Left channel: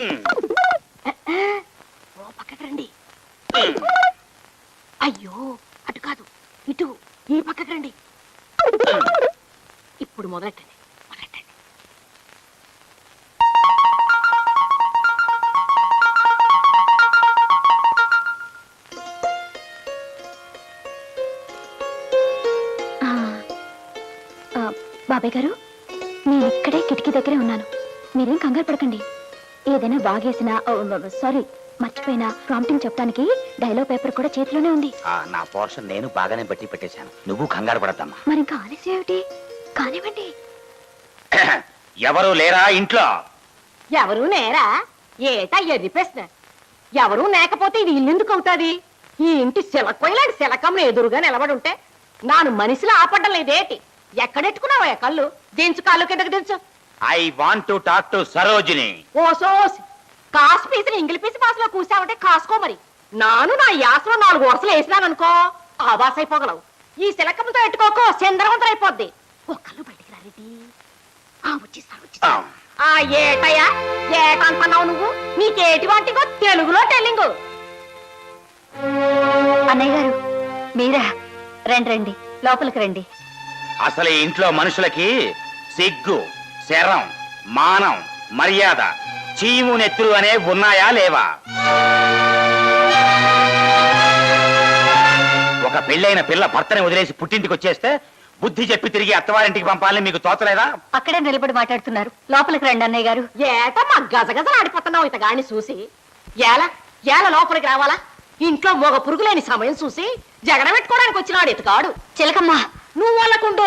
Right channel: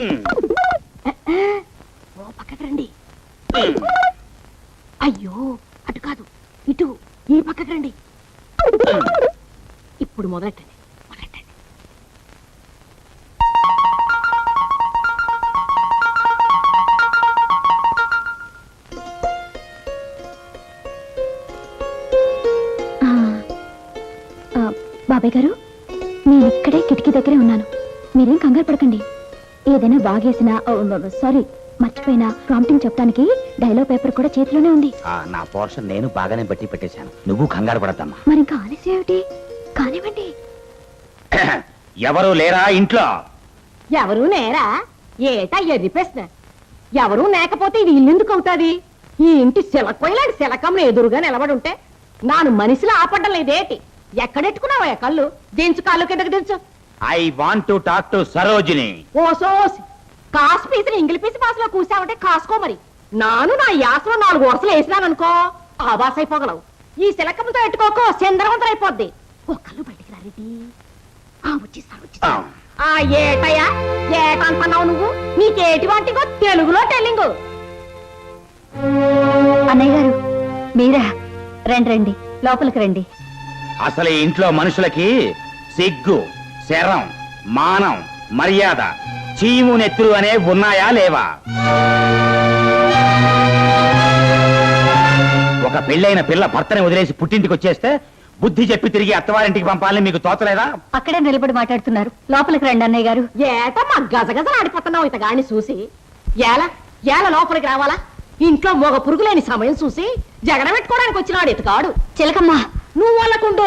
ఓ పక్కకి రండి. అయ్యో అటు కాదు ఇటు, ఈ పక్కకి రండి. ఇప్పుడు మొదలెట్టండి. బాబాయ్ గారు, నేను ఇక్కడే కిటికీ దగ్గరే ఉన్నాను. మీరేం కంగారు పడకండి. ఏదైనా బాగేసినా, సారీ మర్చిపోయినా ప్రాంప్టింగ్ చెప్పడానికి డైలాగ్ పేపర్ కూడా చేతిలోనే ఉంది. నా పోర్షన్ నేను బాగానే బట్టి పెట్టేశాను, నువ్వు కంగారు పడద్దమ్మా. మరి ఇంకా ఆలస్యం ఏమిటి? కానివ్వండి. ఎవరు లేరా ఇంట్లో? ఎవరు నేరా? ఏటా ఎది ప్రశ్న? ఎవరు లేకపోతే ఇది ఇల్లెందుకు అవుతాది? ఈ ఇంటి శిలకపోయిలాంటి శిలకమ్మ ఎదురుగా నిలబడి ఉంటే నాను మనిషిలో ఆపడ్డం లేదేటి? ఎక్కడెట్టుకున్నావా కళ్ళు? దించు, కాళ్ళు కిందకు దించు. I want to talk to Sarojini. ఓసోస్ కాసు పీసులు ఇంగిలి పీసి భాషలో కూసావంటే కాసుకో. మరి నాను నా యాసలో 4 వరుసలు వేసినాననుకో ఆవాస అయిపోగలవు. ఈ శిలకమ్మతో ఎట్టుకోకో చంద్రవంతం అయిపోద్ది. ఒక్కళ్ళు బయటికి రానిది. ఏటయ్యా ఏటంటున్నావు నువ్వు? నీకేటి వాటికో తెలుగులో టెల్లింగు. అన్నయ్య గారు మీరా? రండి రండి, లోపలికి రండి. అసలు ఈ ఇంట్లో మనుషులకి సిగ్గు, శరం, మానం, మర్యాద, చీము నెత్తులు అనే ఉన్నాయా లేవా? ఒక పెళ్ళైన పిల్ల భర్తని వదిలేసి పుట్టింటికి వచ్చేస్తే బుద్ధి చెప్పి తిరిగి అత్తవారింటికి పంపాలని మీకు తోచలేదా? అక్కడే నిలబడి మాట్లాడుతున్నారు, లోపలికి రండి అన్నయ్య గారు. ఏట మా గజగజలు ఆడిపోతున్నావు ఇతగాని చూసి. ఏల లోపలికి రావాలా? ఇంట్లో మొగ పురుగులేని సమయం చూసి జగడ పెట్టుకోవడానికి వచ్చినాడు ఇతగాడు. చిలకమ్మ నువ్వు వాళ్ళకుండు.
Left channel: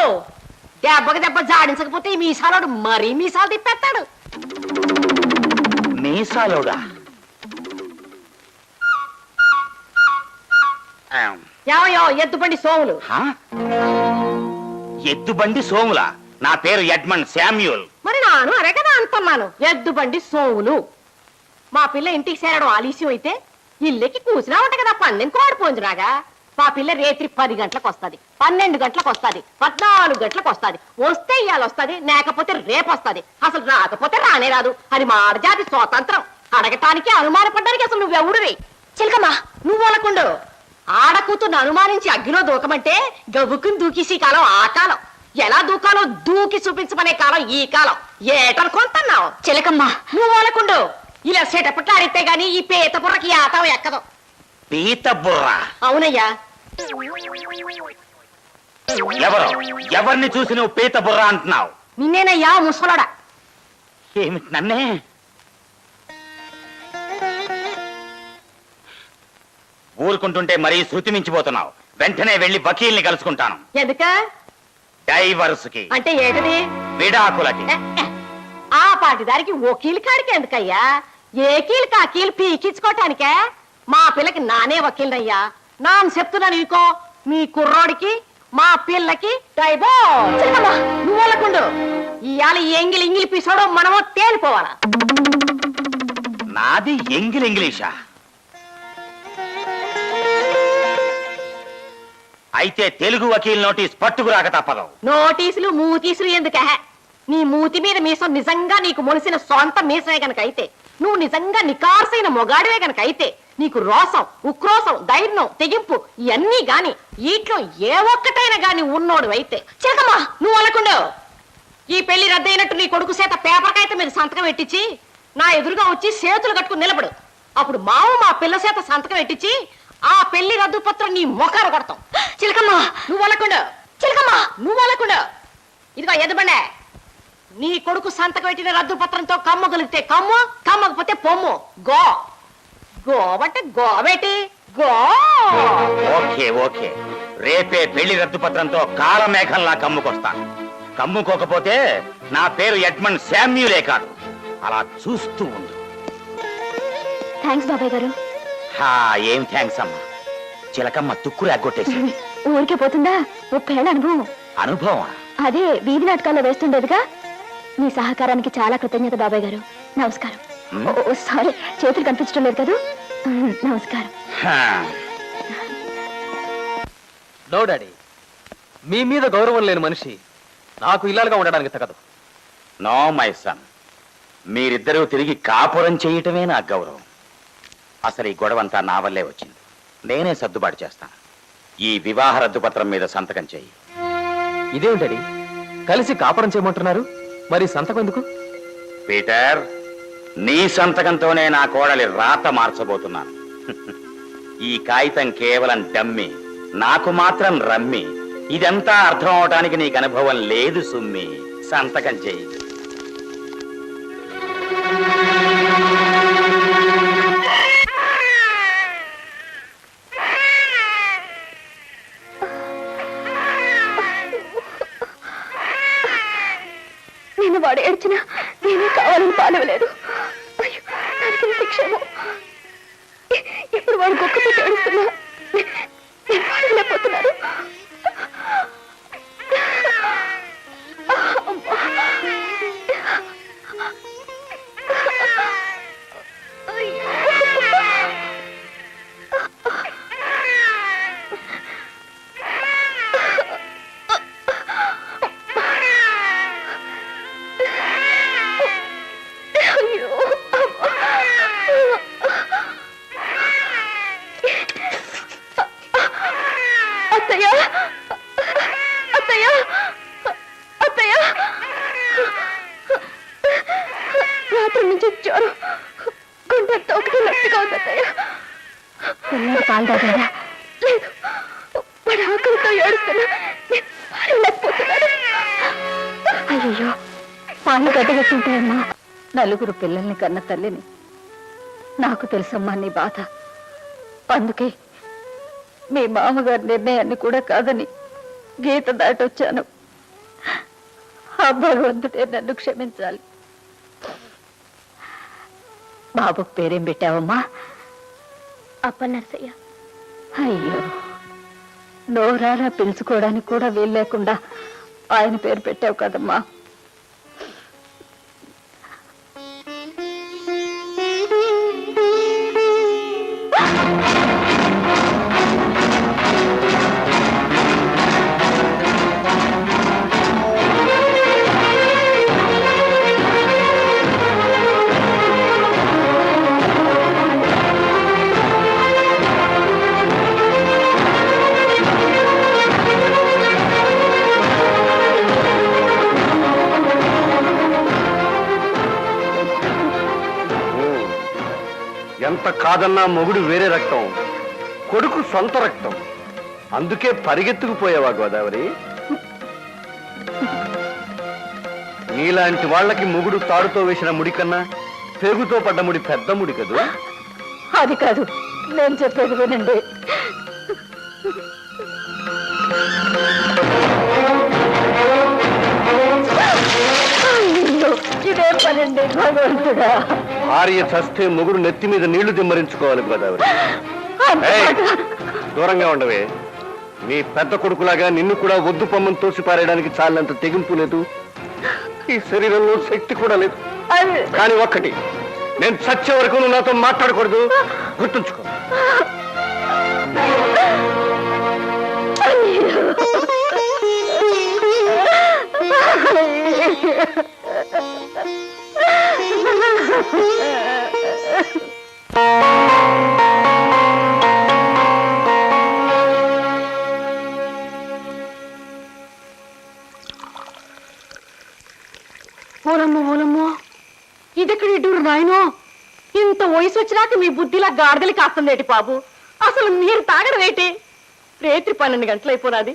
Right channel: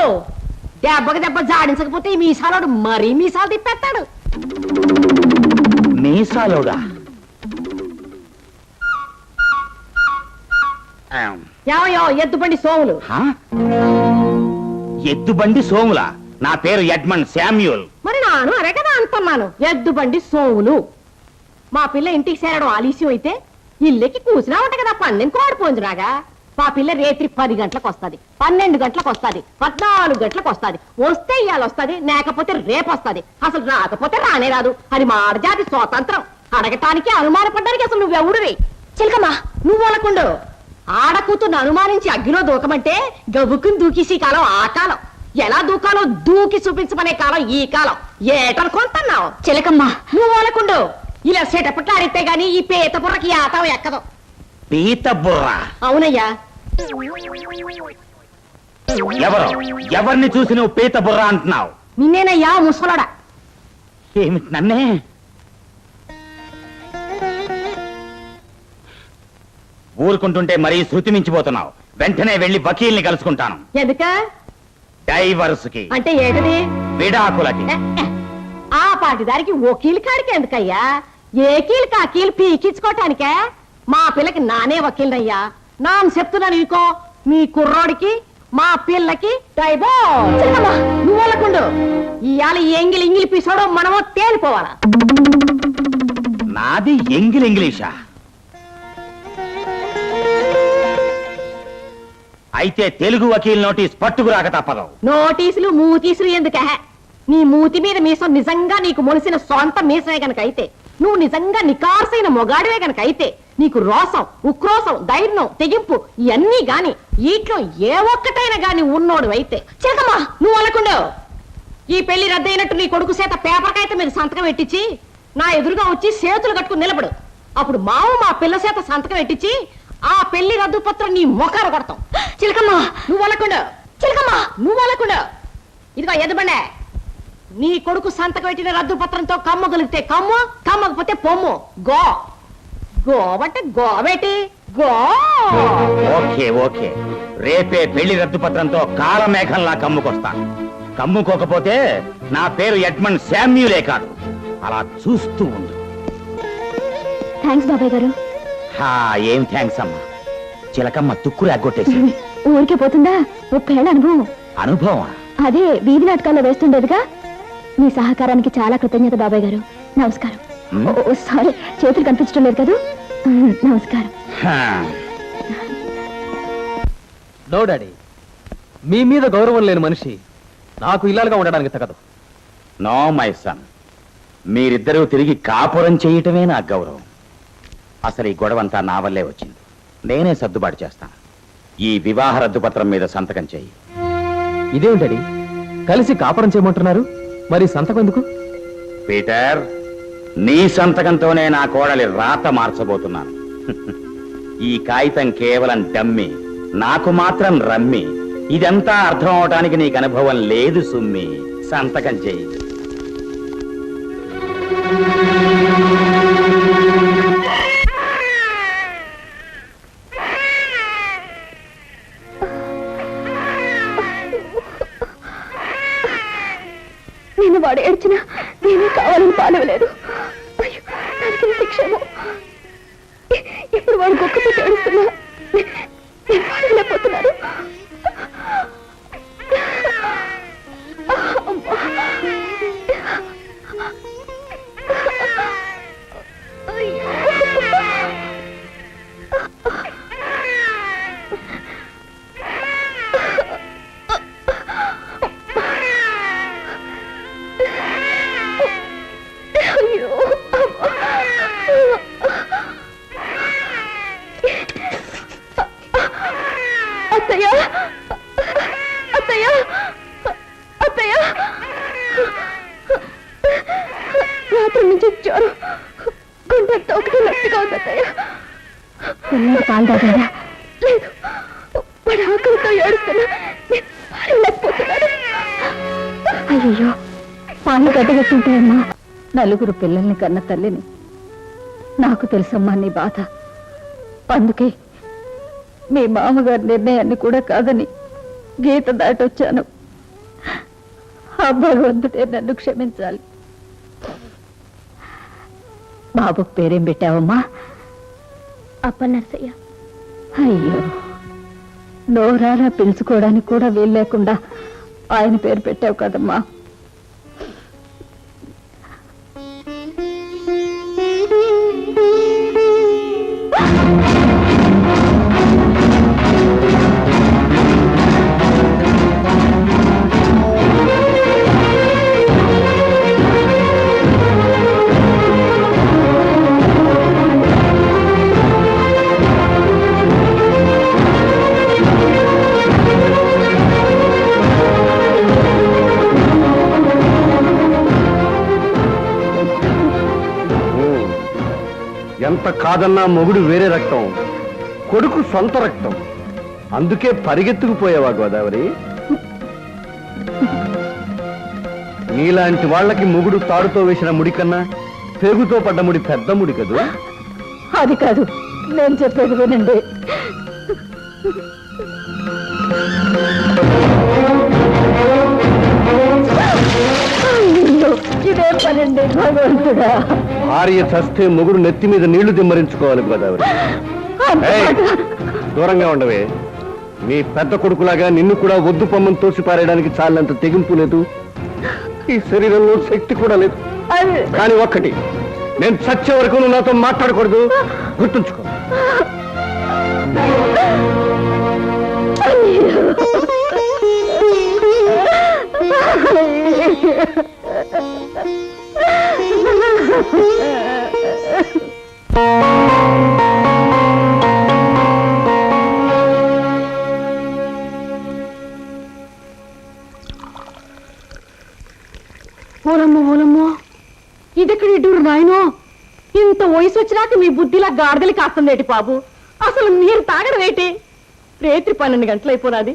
దెబ్బకి దెబ్బ జాడించకపోతే ఈ మీసాలోడు మరీ మీసాలు తిప్పేస్తాడు. మీసాలోడా? ఏమయ్యో ఎద్దుబండి సోములు. ఎద్దుబండి సోముల? నా పేరు ఎడ్మండ్ శామ్యూల్. మరి నాను అరే కదా అంటున్నాను, ఎద్దుబండి సోములు. మా పిల్ల ఇంటికి చేరడం ఆలస్యం అయితే ఇల్లెక్కి కూసినా ఉంట కదా 12 ఆడిపోయిందిరాగా. మా పిల్ల రేత్రి 10 గంటలకు వస్తుంది, 12 గంటలకు వస్తుంది, 14 గంటలకు వస్తుంది. వస్తే ఇవాళ వస్తుంది, లేకపోతే రేపు వస్తుంది. అసలు రాకపోతే రానే రాదు. అది మా ఆడజాతి స్వాతంత్రం. అడగటానికి అనుమానపడ్డానికి అసలు నువ్వెవుడివి? చిలకమ్మా నువ్వు అనకుండు. ఆడకూతుర్ని అనుమానించి అగ్గిలో దూకమంటే గబుక్కుని దూకేసి కాలం ఆ కాలం. ఎలా దూకాలో దూకి చూపించమనే కాలం ఈ కాలం. ఏటనుకుంటున్నావు? చిలకమ్మా నువ్వు అనకుండు. ఇలా సెటపట్లు ఆడితే గాని ఈ పీత బుర్రకి ఆటం ఎక్కదు. పీత బుర్ర? అవునయ్యా. ఎవరిని చూసి నువ్వు పీత బుర్ర అంటున్నావు? నిన్నేనయ్యా ముసలాడా. ఏమిటి నన్నే? ఊరుకుంటుంటే మరీ శృతి మించిపోతున్నావు. వెంటనే వెళ్లి వకీల్ని కలుసుకుంటాను. ఎందుక? డైవర్స్ కి. అంటే ఏంటది? విడాకులకి. ఆ పాటిదారికి వకీలు కాడికి ఎందుకయ్యా? ఏ కీలుకా కీలు పీకించుకోవటానికే? మా పిల్లకి నానే వకీలయ్యా. నాన్న చెప్తున్నాను ఇంకో, మీ కుర్రోడికి మా పిల్లకి డైవోర్స్. నువ్వు వాళ్ళకుండు. ఇవాళ ఎంగిలి ఇంగిలి పీసోడో మనమో తేలిపోవాలా? నాది ఎంగిలి ఇంగ్లీషా? అయితే తెలుగు వకీల్ నోటీస్ పట్టుకురాక తప్పదు. నోటీసులు మూతీసులు ఎందుకే? నీ మూతి మీద మీసం నిజంగా నీకు మొలిసిన సొంత మీసమే గనకైతే, నువ్వు నిజంగా నికార్సైన మొగాడివే గనకైతే, నీకు రోసం, ఉక్రోసం, ధైర్యం, తెగింపు ఇవన్నీ గాని వీటిలో ఏ ఒక్కటైనా గాని ఉన్నోడు అయితే చేతమ్మా నువ్వు అనకుండా ఈ పెళ్లి రద్దయినట్టు నీ కొడుకు చేత పేపర్ కాగితం మీద సంతకం పెట్టించి నా ఎదురుగా వచ్చి చేతులు కట్టుకుని నిలబడు. అప్పుడు మావు మా పిల్ల చేత సంతకం పెట్టించి ఆ పెళ్లి రద్దు పత్రం నీ మొఖాలు కొడతాం. చిలకమ్మా నువ్వు అనకుండా. చిలకమ్మా నువ్వు అనకుండా. ఇదిగో ఎదుబండే, నీ కొడుకు సంతకం పెట్టిన రద్దు పత్రంతో కమ్మగలిగితే కమ్ము, కమ్మకపోతే పొమ్ము. గో గోవంటే గోవేటి గో. ఓకే ఓకే, రేపే పెళ్లి రద్దు పత్రంతో కాలమేఘంలా కమ్ముకొస్తాను. కమ్ముకోకపోతే నా పేరు ఎడ్మండ్ శామ్యూలే కాదు. అలా చూస్తూ ఉండు. థ్యాంక్స్ బాబాయ్ గారు. ఏం థ్యాంక్స్ అమ్మా. చిలకమ్మ తుక్కు రాగొట్టేసి ఊరికే పోతుందా? 30 ఏళ్ల అనుభవం. అనుభవం? అదే వీధి నాటకాల్లో వేస్తుండేదిగా. మీ సహకారానికి చాలా కృతజ్ఞత బాబాయ్ గారు. నమస్కారం. సారీ, చేతులు కనిపించడం లేదు కదా. నమస్కారం. నో డాడీ, మీ మీద గౌరవం లేని మనిషి నాకు ఇల్లాలుగా ఉండడానికి తగదు. నో మై సన్, మీరిద్దరూ తిరిగి కాపురం చేయటమే నా గౌరవం. అసలు ఈ గొడవంతా నా వల్లే వచ్చింది. నేనే సర్దుబాటు చేస్తాను. ఈ వివాహ రద్దుపత్రం మీద సంతకం చేయి. ఇదేం డాడీ, కలిసి కాపురం చేయమంటున్నారు, మరి సంతకం ఎందుకు? పీటర్, నీ సంతకంతోనే నా కోడలి రాత మార్చబోతున్నాను. ఈ కాగితం కేవలం డమ్మి, నాకు మాత్రం రమ్మి. ఇదంతా అర్థం అవటానికి నీకు అనుభవం లేదు సుమ్మి. సంతకం చేయి. నేను వాడు ఏడ్చినా నేనే కావాలని పాలవలేదు. అయ్యో, దానికి శిక్షేమో. ఇప్పుడు వాడు గొప్పతో ఏడుస్తున్నా నేను పాడలేకపోతున్నాను. అత్తయ్య, అత్తయ్య, అత్తయ్య, రాత్రి నుంచి జ్వరం, గుండెంతో ఒకటి నొప్పిగా ఉంది అత్తయ్య. పిల్లలు పాలు తాగిందా? లేదు, వాడు ఆకలితో ఏడుస్తున్నా లేకపోతున్నాడు. అయ్యో, పాలు గడ్డగట్టుంటాయమ్మా. నలుగురు పిల్లల్ని కన్న తల్లిని. నాకు తెలుసమ్మా నీ బాధ. అందుకే మీ మామగారి నిర్ణయాన్ని కూడా కాదని గీత దాటొచ్చాను. ఆ భగవంతుడే నన్ను క్షమించాలి. బాబుకు పేరేం పెట్టావమ్మా? అప్పనర్సయ్య. అయ్యో, నోరారా పిలుచుకోవడానికి కూడా వీలు లేకుండా ఆయన పేరు పెట్టావు కదమ్మా. ఎంత కాదన్నా మొగుడు వేరే రక్తం, కొడుకు సొంత రక్తం. అందుకే పరిగెత్తుకుపోయావా గోదావరి? నీలాంటి వాళ్ళకి మొగుడు తాడుతో వేసిన ముడి కన్నా పేగుతో పడ్డ ముడి పెద్ద ముడి కదూ. అది కాదు, నేను చెప్పేది వినండి. ఇదే పనండి భగవంతుడా. భార్య చస్తే మొగుడు నెత్తి మీద నీళ్లు దిమ్మరించుకోవాలి గోదావరి. దూరంగా ఉండవే. నీ పెద్ద కొడుకులాగా నిన్ను కూడా ఒద్దు పొమ్మని తోసి పారేయడానికి చాలినంత తెగింపు లేదు, ఈ శరీరంలో శక్తి కూడా లేదు. కానీ ఒక్కటి, నేను చచ్చే వరకు నువ్వు నాతో మాట్లాడకూడదు, గుర్తుంచుకో. ఓలమ్మో ఓలమ్మో, ఇదెక్కడ ఇడ్డూరు నాయనో. ఇంత వయసు వచ్చినాక మీ బుద్ధిలా గాడిదలు కాస్తుందేటి బాబు. అసలు మీరు తాగడమేటి? రేత్రి 12 గంటలైపోనాది.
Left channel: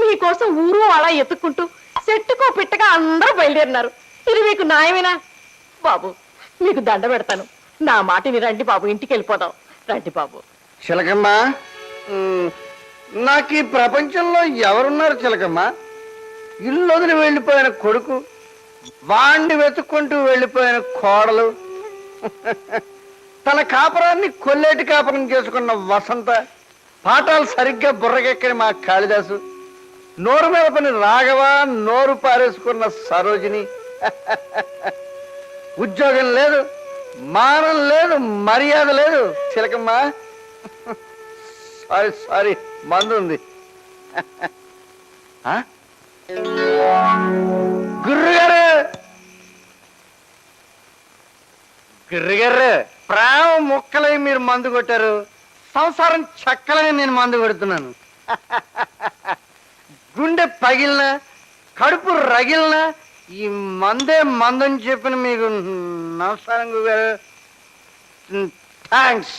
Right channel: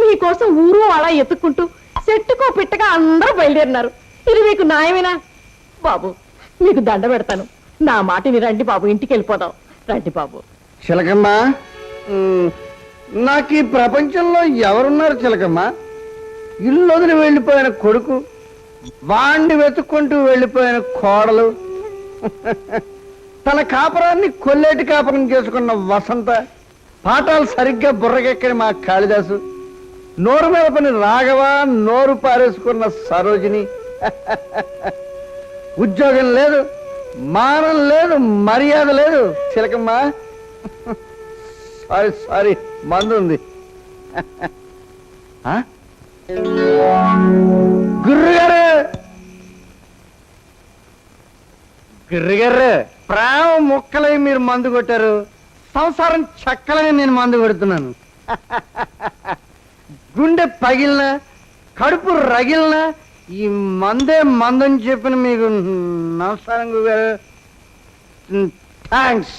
మీకోసం ఊరు అలా ఎత్తుక్కుంటూ చెట్టుకో పిట్టగా అందరూ బయలుదేరినారు. ఇది మీకు న్యాయమేనా బాబు? మీకు దండ పెడతాను, నా మాటని రండి బాబు, ఇంటికి వెళ్ళిపోదాం. రండి బాబు. చిలకమ్మ, నాకు ఈ ప్రపంచంలో ఎవరున్నారు చిలకమ్మ? ఇల్లు వదిలి వెళ్లిపోయిన కొడుకు, వాణ్ణి వెతుక్కుంటూ వెళ్లిపోయిన కోడలు, తన కాపురాన్ని కొల్లేటి కాపురం చేసుకున్న వసంత, పాఠాలు సరిగ్గా బుర్రకెక్కని మా కాళిదాసు, నోరు మీద పని రాఘవ, నోరు పారేసుకున్న సరోజిని. ఉద్యోగం లేదు, మానం లేదు, మర్యాద లేదు చిలకమ్మ. సారీ సారీ, మందు ఉంది. గుర్రుగారు, గిర్రగర్ర ప్రేమ ముక్కలై మీరు మందు కొట్టారు, సంసారం చక్కలగా నేను మందు కొడుతున్నాను. గుండె పగిలిన కడుపు రగిలిన ఈ మందే మందని చెప్పిన మీకు నమస్కారం గురుగారు. థ్యాంక్స్.